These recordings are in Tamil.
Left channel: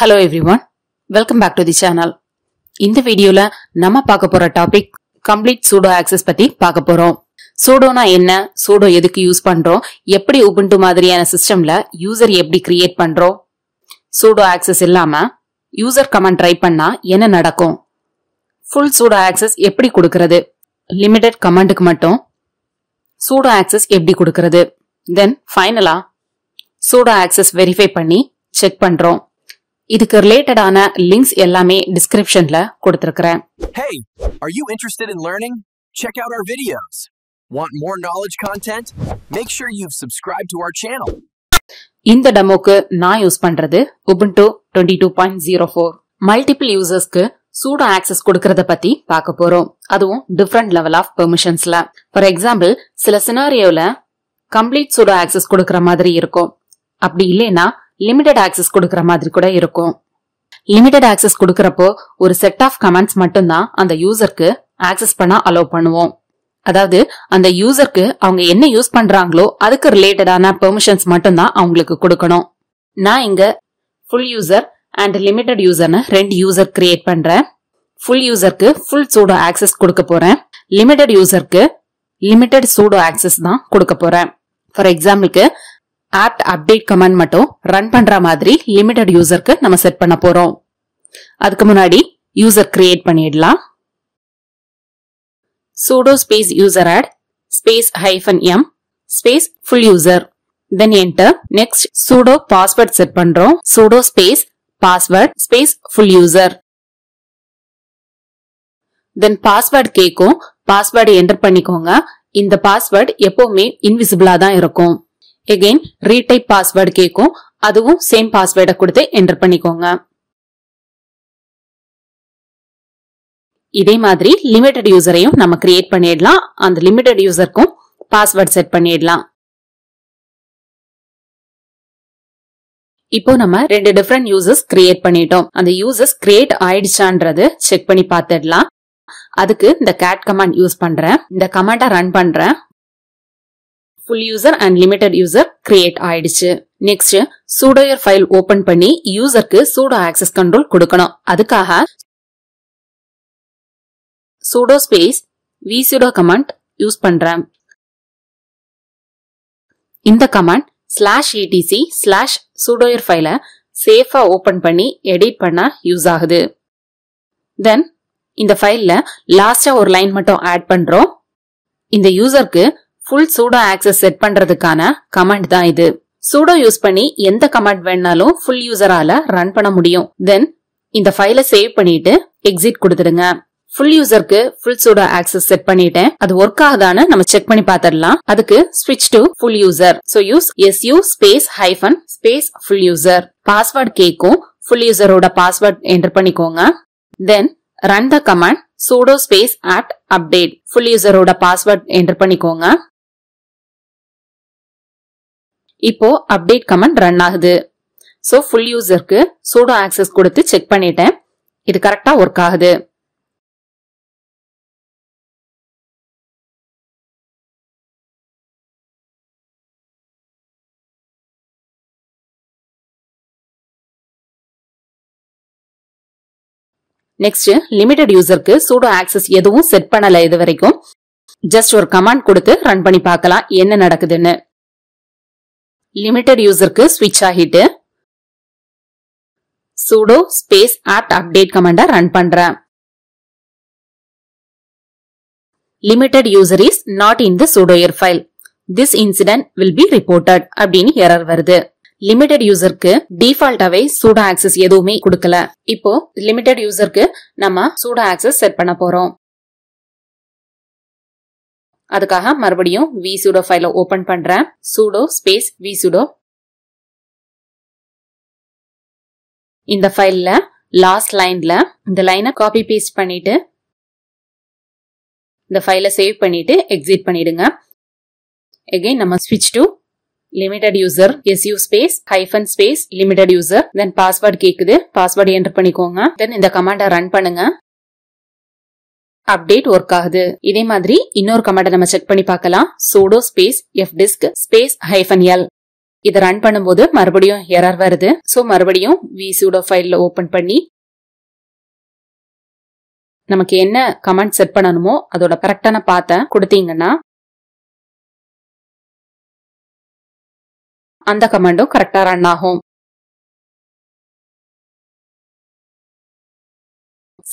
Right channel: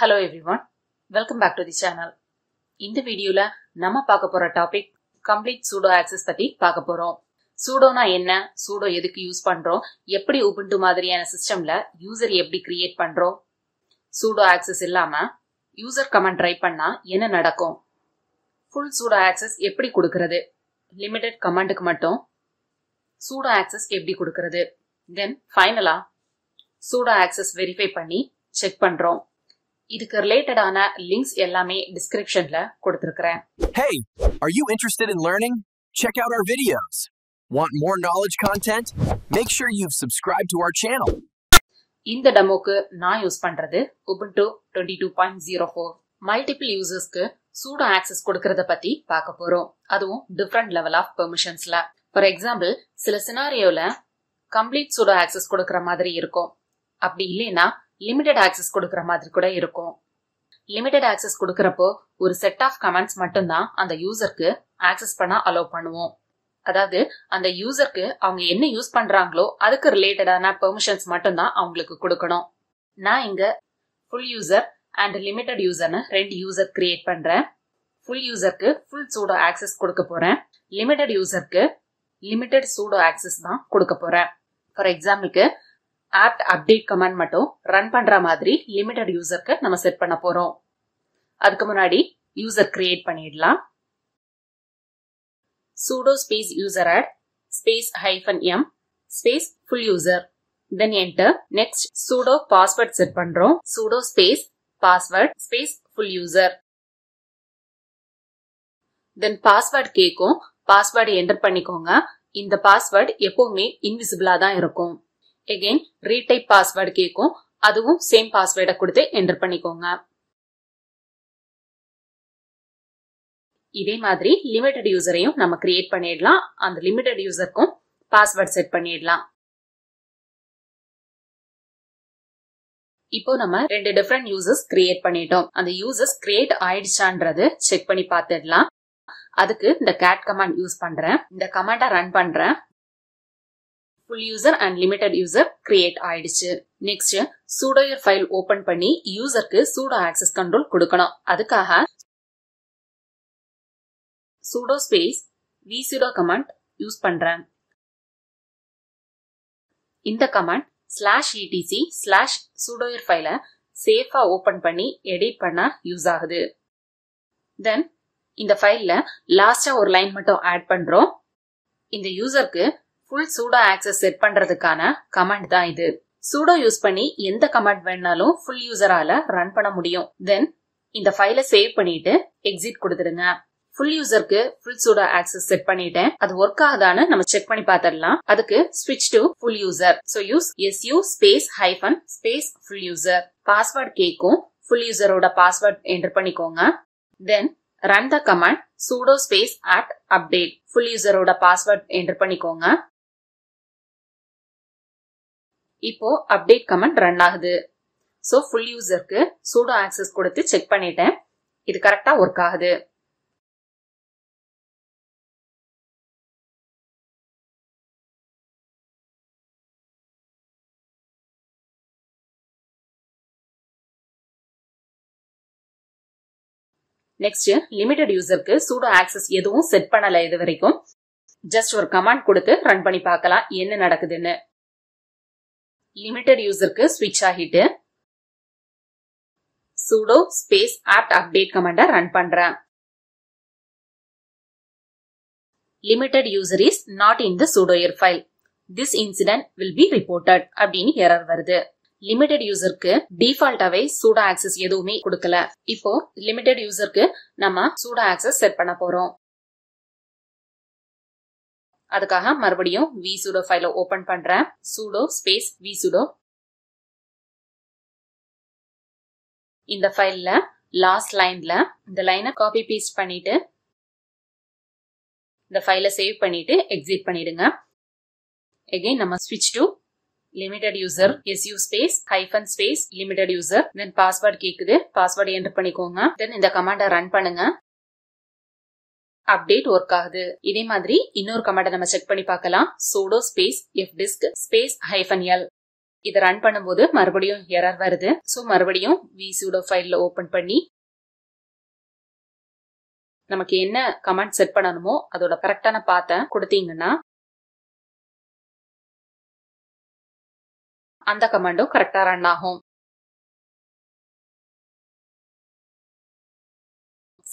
Hello everyone, welcome back to the channel. In the video la nama paakapora topic complete sudo access பத்தி பார்க்க போறோம். sudo na என்ன, sudo எதுக்கு யூஸ் பண்றோம், எப்படி ubuntu மாதிரியான சிஸ்டம்ல யூசர் எப்படி கிரியேட் பண்றோம், sudo access இல்லாம யூசர் கமாண்ட் ட்ரை பண்ணா என்ன நடக்கும், full sudo access எப்படி கொடுக்கிறது, limited கமாண்டுக்கு மட்டும் sudo access எப்படி கொடுக்கிறது, then finally sudo access verify பண்ணி செக் பண்றோம். இதுக்கு ரிலேட்டடான லிங்க்ஸ் எல்லாமே டிஸ்கிரிப்ஷன்ல கொடுத்திருக்கேன். Hey, are you interested in learning? Check out our videos. Want more knowledge content? Make sure you've subscribed to our channel. இந்த டெமோக்கு நான் யூஸ் பண்றது Ubuntu 22.04. மல்டிபிள் யூசர்ஸ்க்கு sudo access கொடுக்கறத பத்தி பார்க்க போறோம். அதுவும் டிஃபரண்ட் லெவல் ஆஃப் பெர்மிஷன்ஸ்ல. ஃபார் எக்ஸாம்பிள், சில சினாரியோல கம்ப்ளீட் sudo access கொடுக்கற மாதிரி இருக்கும். அப்படி இல்லைன்னா லிமிடெட் ஆக்சஸ் கொடுக்கற மாதிரி கூட இருக்கும். லிமிடெட் ஆக்சஸ் கொடுக்கறப்போ ஒரு செட் ஆஃப் கமாண்ட்ஸ் மட்டும்தான் அந்த யூசருக்கு ஆக்சஸ் பண்ண அலோவ் பண்ணுவோம். அதாவது அந்த யூசருக்கு அவங்க என்ன யூஸ் பண்றாங்களோ அதுக்கு ரிலேட்டடான பெர்மிஷன்ஸ் மட்டும்தான் அவங்களுக்கு கொடுக்கணும். நான் இங்க ஃபுல் யூசர் அண்ட் லிமிடெட் யூசர்னு ரெண்டு யூசர் கிரியேட் பண்றேன். ஃபுல் யூசருக்கு ஃபுல் sudo ஆக்சஸ் கொடுக்க போறேன். லிமிடெட் யூசருக்கு லிமிடெட் sudo ஆக்சஸ் தான் கொடுக்க போறேன். ஃபார் எக்ஸாம்பிளுக்கு apt update கமாண்ட் மட்டும் ரன் பண்ற மாதிரி லிமிடெட் யூசருக்கு நம்ம செட் பண்ண போறோம். அதுக்கு முன்னாடி யூசர் கிரியேட் பண்ணிடலாம். sudo space user add space -m space full user then enter. next sudo password set பண்றோம். sudo space password space full user then password கேக்கும். பாஸ்வேர்டு என்டர் பண்ணிக்கோங்க. இந்த பாஸ்வேர்டு எப்பவுமே இன்விசிபிளா தான் இருக்கும். again retype password கேக்கும். அதுவும் சேம் பாஸ்வேர்டை கொடுத்து என்டர் பண்ணிக்கோங்க. இதே மாதிரி லிமிடெட் யூசரையும் நம்ம கிரியேட் பண்ணிடலாம். அந்த லிமிடெட் யூசருக்கும் பாஸ்வேர்ட் செட் பண்ணிடலாம். இப்போ நம்ம ரெண்டு டிஃபரெண்ட் யூசர்ஸ் கிரியேட் பண்ணிட்டோம். அந்த யூசர்ஸ் கிரியேட் ஆயிடுச்சான்றது செக் பண்ணி பார்த்துடலாம். அதுக்கு இந்த cat கமாண்ட் யூஸ் பண்றேன். இந்த கமாண்டை ரன் பண்றேன். full user and limited user create ஆயிடுச்சு. next sudoer file open பண்ணி யூசருக்கு sudo access control கொடுக்கணும். அதுக்காக sudo space vsudo command use பண்றேன். இந்த கமாண்ட் /etc/sudoer ஃபைலை சேஃபா ஓபன் பண்ணி எடிட் பண்ண யூஸ் ஆகுது. தென் இந்த ஃபைல்ல லாஸ்டா ஒரு லைன் மட்டும் ஆட் பண்றோம். இந்த யூசருக்கு full sudo access செட் பண்றதுக்கான கமாண்ட் தான் இது. sudo யூஸ் பண்ணி எந்த கமாண்ட் வேணாலும் full யூசரால ரன் பண்ண முடியும். தென் இந்த ஃபைலை சேவ் பண்ணிட்டு எக்ஸிட் கொடுத்துடுங்க. full யூசருக்கு full sudo access set பண்ணிட்டேன். அது ஒர்க் ஆகுதான்னு நம்ம செக் பண்ணி பார்த்துடலாம். அதுக்கு switch to full user. so use su space hyphen space full user. Password கேக்கும். full userோட பாஸ்வேர்ட் என்டர் பண்ணிக்கோங்க. Then run the command sudo space apt update. full userோட பாஸ்வேர்ட் என்டர் பண்ணிக்கோங்க. இப்போ அப்டேட் கமாண்ட் ரன் ஆகுது. சோ ஃபுல் யூசருக்கு sudo ஆக்சஸ் கொடுத்து செக் பண்ணிட்டேன். இது கரெக்டா ஒர்க் ஆகுது. நெக்ஸ்ட் லிமிடெட் யூசருக்கு sudo ஆக்சஸ் எதுவும் செட் பண்ணல இது வரைக்கும். ஜஸ்ட் ஒரு கமாண்ட் கொடுத்து ரன் பண்ணி பார்க்கலாம் என்ன நடக்குதுன்னு. லிமிடெட் யூசருக்கு ஸ்விட்ச் ஆகிட்டு sudo space apt update கமாண்ட ரன் பண்றேன். limited user is not in the sudoer file. this incident will be reported அப்படின்னு எரர் வருது. லிமிடெட் யூசருக்கு டிஃபால்ட்டாவே sudo access எதுவுமே கொடுக்கல. இப்போ லிமிடெட் யூசருக்கு நம்ம sudo access செட் பண்ண போறோம். அதுக்காக மறுபடியும் vsudo ஃபைலை ஓபன் பண்றேன். sudo space vsudo. இந்த ஃபைல்ல லாஸ்ட் லைன்ல இந்த லைனை காப்பி பேஸ்ட் பண்ணிட்டு இந்த ஃபைலை சேவ் பண்ணிட்டு எக்ஸிட் பண்ணிடுங்க. again நம்ம switch to limited user su space hyphen space limited user. then password கேக்குது. பாஸ்வேர்ட் என்டர் பண்ணிக்கோங்க. then இந்த கமாண்டை ரன் பண்ணுங்க. அப்டேட் ஒர்க் ஆகுது. இதே மாதிரி இன்னொரு கமாண்டை நம்ம செக் பண்ணி பார்க்கலாம். sudo space fdisk space -l இதை ரன் பண்ணும்போது மறுபடியும் எரர் வருது. சோ மறுபடியும் vsudo ஃபைல்ல ஓபன் பண்ணி நமக்கு என்ன கமாண்ட் செட் பண்ணணுமோ அதோட கரெக்டான பாத்தை கொடுத்தீங்கன்னா அந்த கமாண்டும் கரெக்டா ரன் ஆகும்.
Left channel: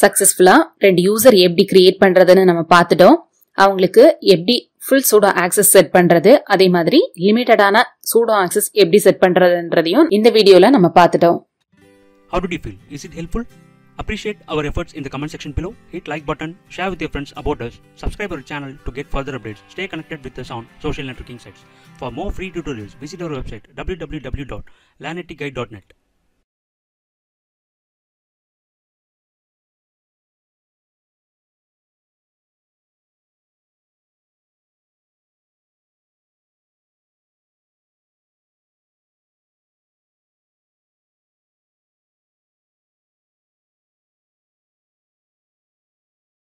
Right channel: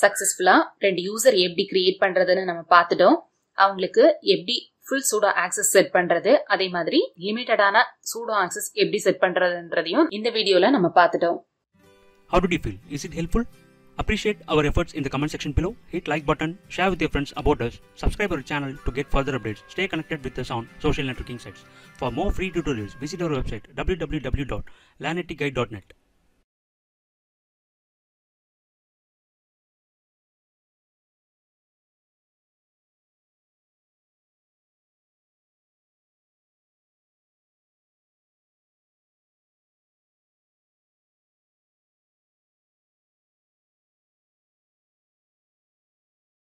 சக்சஸ்ஃபுல்லா 2 யூசர் எப்படி கிரியேட் பண்றதுன்னு நம்ம பார்த்துட்டோம். அவங்களுக்கு எப்படி full sudo access செட் பண்றது, அதே மாதிரி லிமிட்டடான sudo access எப்படி செட் பண்றதுன்றதையும் இந்த வீடியோல நம்ம பார்த்துட்டோம். How did you feel? Is it helpful? Appreciate our efforts in the comment section below. Hit like button, share with your friends about us, subscribe our channel to get further updates. Stay connected with us on social networking sites. For more free tutorials, visit our website www.lanetiguide.net.